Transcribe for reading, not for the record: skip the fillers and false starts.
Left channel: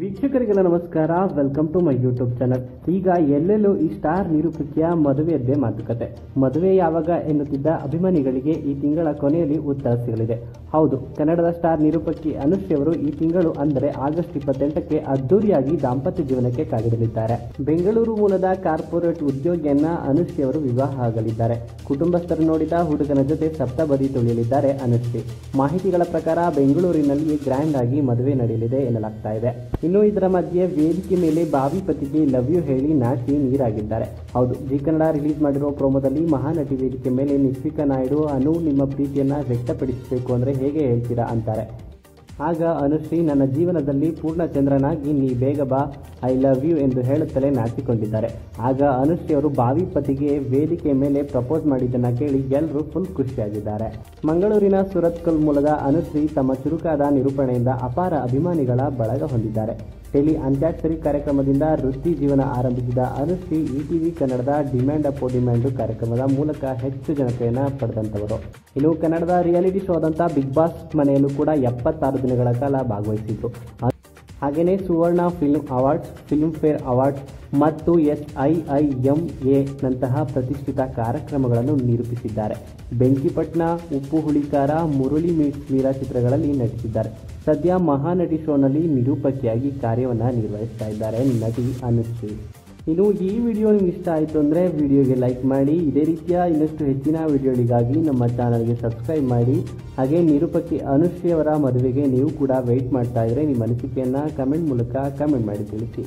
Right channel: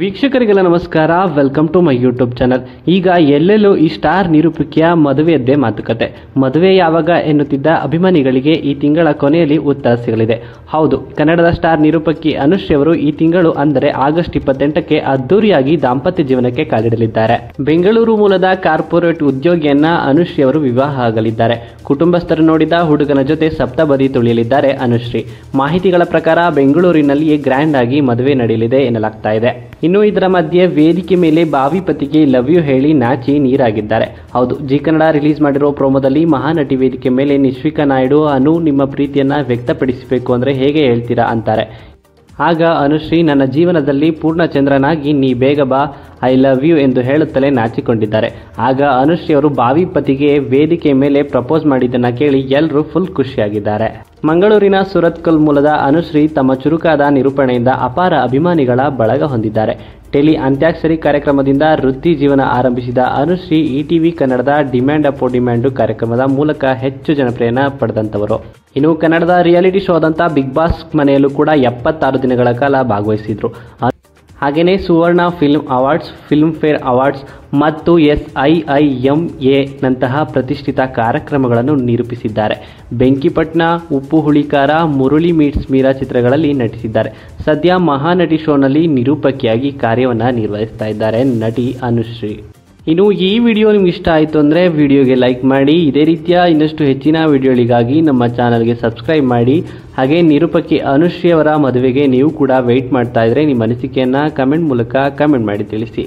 ವೀಕ್ಷಕರಿಗೆಲ್ಲ ನಮಸ್ಕಾರ. Welcome to my YouTube channel. ಈಗ ಎಲ್ಲೆಲ್ಲೂ ಈ ಸ್ಟಾರ್ ನಿರೂಪಕಿಯ ಮದುವೆಯದ್ದೇ ಮಾತುಕತೆ. ಮದುವೆ ಯಾವಾಗ ಎನ್ನುತ್ತಿದ್ದ ಅಭಿಮಾನಿಗಳಿಗೆ ಈ ತಿಂಗಳ ಕೊನೆಯಲ್ಲಿ ಉತ್ತರ ಸಿಗಲಿದೆ. ಹೌದು, ಕನ್ನಡದ ಸ್ಟಾರ್ ನಿರೂಪಕಿ ಅನುಶ್ರೀ ಅವರು ಈ ತಿಂಗಳು ಅಂದರೆ ಆಗಸ್ಟ್ 28ಕ್ಕೆ ಅದ್ದೂರಿಯಾಗಿ ದಾಂಪತ್ಯ ಜೀವನಕ್ಕೆ ಕಾಲಿಡಲಿದ್ದಾರೆ. ಬೆಂಗಳೂರು ಮೂಲದ ಕಾರ್ಪೊರೇಟ್ ಉದ್ಯೋಗಿಯನ್ನ ಅನುಶ್ರೀ ಅವರು ವಿವಾಹ ಆಗಲಿದ್ದಾರೆ. ಕುಟುಂಬಸ್ಥರು ನೋಡಿದ ಹುಡುಗನ ಜೊತೆ ಸಪ್ತಬದಿ ತುಳಿಯಲಿದ್ದಾರೆ ಅನುಶ್ರೀ. ಮಾಹಿತಿಗಳ ಪ್ರಕಾರ ಬೆಂಗಳೂರಿನಲ್ಲಿಯೇ ಗ್ರ್ಯಾಂಡ್ ಆಗಿ ಮದುವೆ ನಡೆಯಲಿದೆ ಎನ್ನಲಾಗ್ತಾ ಇದೆ. ಇನ್ನು ಇದರ ಮಧ್ಯೆ ವೇದಿಕೆ ಮೇಲೆ ಬಾವಿ ಪತಿಗೆ ಲವ್ ಯು ಹೇಳಿ ನಾಚಿ ನೀರಾಗಿದ್ದಾರೆ. ಹೌದು, ಜಿ ಕನ್ನಡ ರಿಲೀಸ್ ಮಾಡಿರೋ ಪ್ರೋಮೋದಲ್ಲಿ ಮಹಾನಟಿ ವೇದಿಕೆ ಮೇಲೆ ನಿಶ್ವಿಕಾ ನಾಯ್ಡು, ಅನು ನಿಮ್ಮ ಪ್ರೀತಿಯನ್ನ ವ್ಯಕ್ತಪಡಿಸಬೇಕು ಅಂದ್ರೆ ಹೇಗೆ ಹೇಳ್ತೀರಾ ಅಂತಾರೆ. ಆಗ ಅನುಶ್ರೀ, ನನ್ನ ಜೀವನದಲ್ಲಿ ಪೂರ್ಣಚಂದ್ರನಾಗಿ ನೀ ಬೇಗ ಬಾ, ಐ ಲವ್ ಯು ಎಂದು ಹೇಳುತ್ತಲೇ ನಾಚಿಕೊಂಡಿದ್ದಾರೆ. ಆಗ ಅನುಶ್ರೀ ಅವರು ಬಾವಿ ಪತಿಗೆ ವೇದಿಕೆ ಮೇಲೆ ಪ್ರಪೋಸ್ ಮಾಡಿದ್ದನ್ನು ಕೇಳಿ ಎಲ್ಲರೂ ಫುಲ್ ಖುಷಿಯಾಗಿದ್ದಾರೆ. ಮಂಗಳೂರಿನ ಸುರತ್ಕಲ್ ಮೂಲದ ಅನುಶ್ರೀ ತಮ್ಮ ಚುರುಕಾದ ನಿರೂಪಣೆಯಿಂದ ಅಪಾರ ಅಭಿಮಾನಿಗಳ ಬಳಗ ಹೊಂದಿದ್ದಾರೆ. ಟೆಲಿ ಅಂತ್ಯಾಕ್ಷರಿ ಕಾರ್ಯಕ್ರಮದಿಂದ ವೃತ್ತಿ ಜೀವನ ಆರಂಭಿಸಿದ ಅನುಶ್ರೀ ETV ಕನ್ನಡದ ಡಿಮ್ಯಾಂಡ್ ಅಪೋ ಡಿಮ್ಯಾಂಡು ಕಾರ್ಯಕ್ರಮದ ಮೂಲಕ ಹೆಚ್ಚು ಜನಪ್ರಿಯನ ಪಡೆದಂಥವರು. ಇನ್ನು ಕನ್ನಡದ ರಿಯಾಲಿಟಿ ಶೋದಂಥ ಬಿಗ್ ಬಾಸ್ ಮನೆಯಲ್ಲೂ ಕೂಡ 76 ದಿನಗಳ ಕಾಲ ಭಾಗವಹಿಸಿದ್ರು. ಹಾಗೆಯೇ Suvarna film awards, filmfare awards ಮತ್ತು SIIMA ನಂತಹ ಪ್ರತಿಷ್ಠಿತ ಕಾರ್ಯಕ್ರಮಗಳನ್ನು ನಿರೂಪಿಸಿದ್ದಾರೆ. ಬೆಂಕಿಪಟ್ಟಣ, ಉಪ್ಪು ಹುಳಿಕಾರ, ಮುರುಳಿ ಮೀಟ್ಸ್ ಮೀರಾ ಚಿತ್ರಗಳಲ್ಲಿ ನಟಿಸಿದ್ದಾರೆ. ಸದ್ಯ ಮಹಾನಟಿ ಶೋನಲ್ಲಿ ನಿರೂಪಕಿಯಾಗಿ ಕಾರ್ಯವನ್ನು ನಿರ್ವಹಿಸ್ತಾ ಇದ್ದಾರೆ ನಟಿ ಅನುಶ್ರೀ. ಇನ್ನು ಈ ವಿಡಿಯೋ ನಿಮ್ಗೆ ಇಷ್ಟ ಆಯಿತು ಅಂದರೆ ವಿಡಿಯೋಗೆ ಲೈಕ್ ಮಾಡಿ. ಇದೇ ರೀತಿಯ ಇನ್ನಷ್ಟು ಹೆಚ್ಚಿನ ವಿಡಿಯೋಗಳಿಗಾಗಿ ನಮ್ಮ ಚಾನಲ್ಗೆ ಸಬ್ಸ್ಕ್ರೈಬ್ ಮಾಡಿ. ಹಾಗೆ ನಿರೂಪಕಿ ಅನುಶ್ರೀ ಅವರ ಮದುವೆಗೆ ನೀವು ಕೂಡ ವೆಯ್ಟ್ ಮಾಡ್ತಾ ಇದ್ರೆ ನಿಮ್ಮ ಅನಿಸಿಕೆಯನ್ನು ಕಮೆಂಟ್ ಮೂಲಕ ಕಮೆಂಟ್ ಮಾಡಿ ತಿಳಿಸಿ.